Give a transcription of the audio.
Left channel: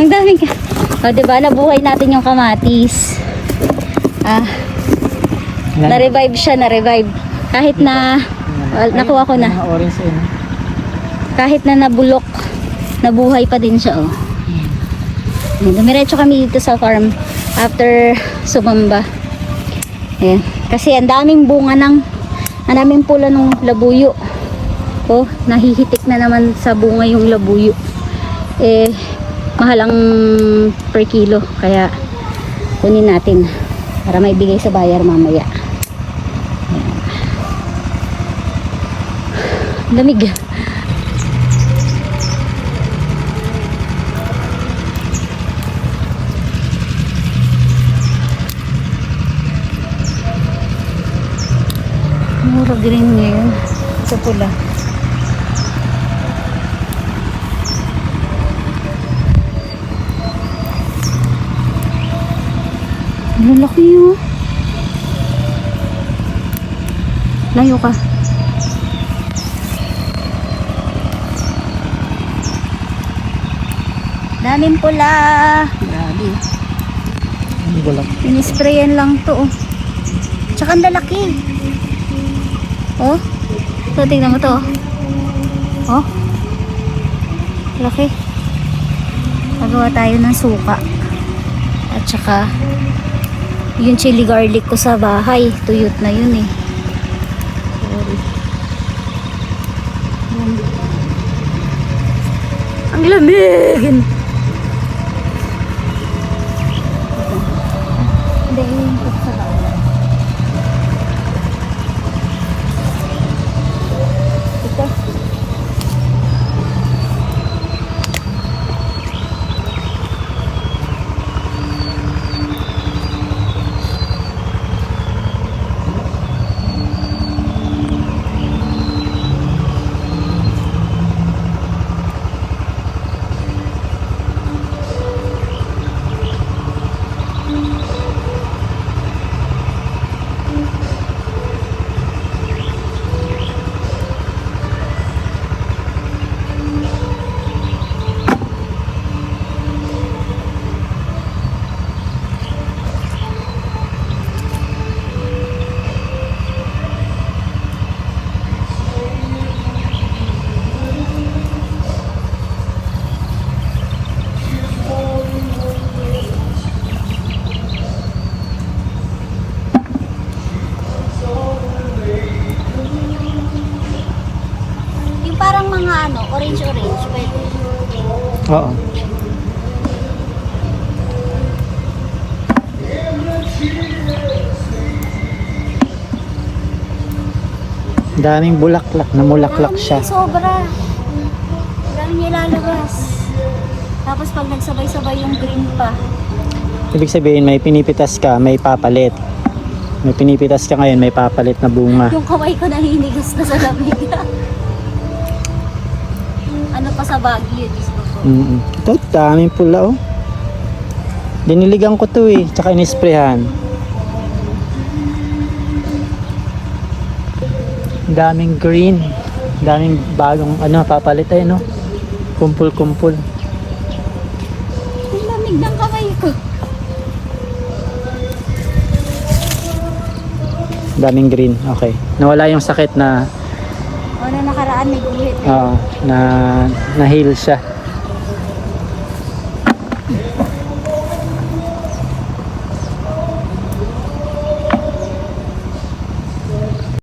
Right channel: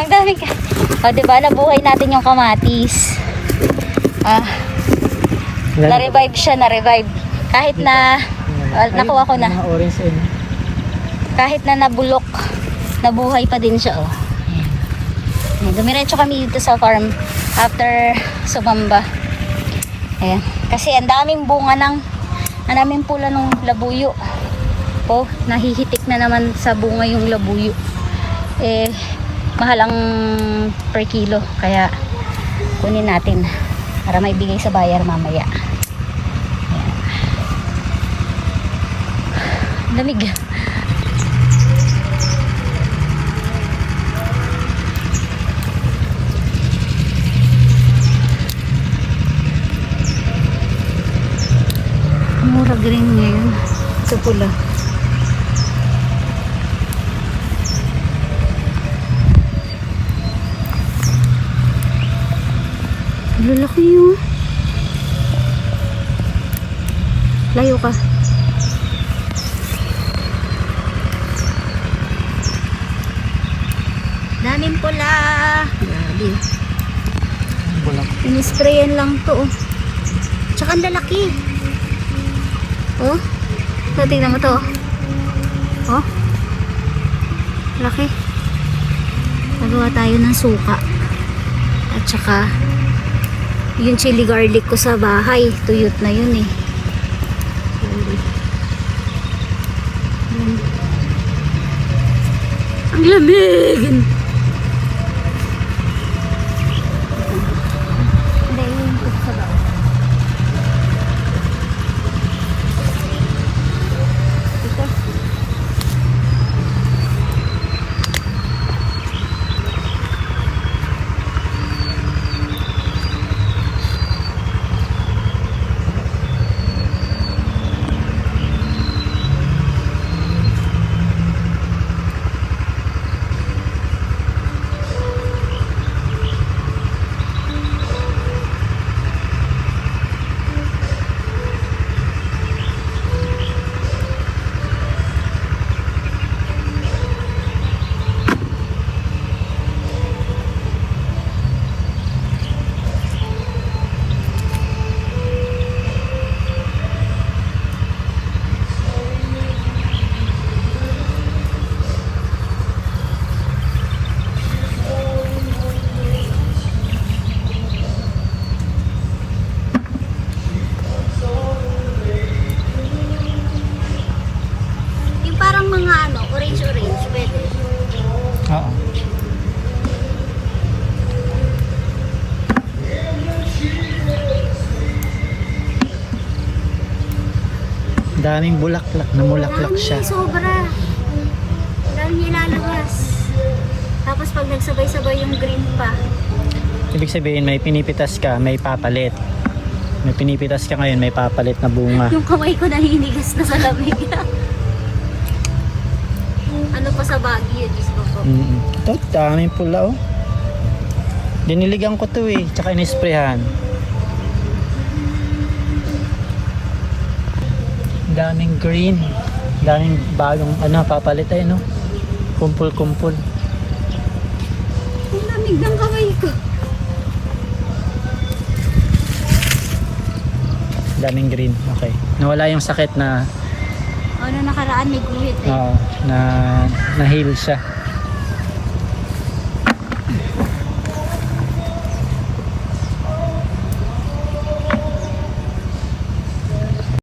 Ang daming diba, nabuhay natin yung kamatis. Na-revive siya, na-revive. Kahit na nakuha ko na. Orange in. Kahit na nabulok, nabuhay pa din siya, oh. Ayan, dumiretso kami dito sa farm after sumamba. Ayan. Kasi ang daming bunga ang daming pula ng labuyo. Oh, nahihitik na naman sa bunga yung labuyo. Mahal ang per kilo, kaya kunin natin para maibigay sa buyer mamaya. Ayan. Lamig. Mura green ngayon sa pula. Lalaki yun. Layo ka. Daming pula. Grabe. Bulak. Inisprayan lang to, oh. Tsaka ang lalaki. Oh. So, tingnan mo to, oh. Oh. Laki. Magawa tayo ng suka. At saka yung chili garlic ko sa bahay, tuyot na yun, eh. Sorry. Ang lamig. Hindi, yung ko sa bahay. Ito. Parang mga orange, pwede. Oo. Daming bulaklak, namulaklak siya. Sobra. Daming ilalabas. Tapos pag nagsabay-sabay yung green pa. Ibig sabihin may pinipitas ka, may papalit. May pinipitas ka ngayon, may papalit na bunga. Yung kamay ko nahinigas na sa lamig. Ano pa sa Baguio? Ito, daming pula, oh. Diniligan ko to, eh. Tsaka inisprehan. Daming green. Daming bagong papalit, eh, no? Kumpul-kumpul. Ang lamig ng kamay ko. Daming green, okay. Nawala yung sakit na Nakaraan may guhit, eh. na heal siya.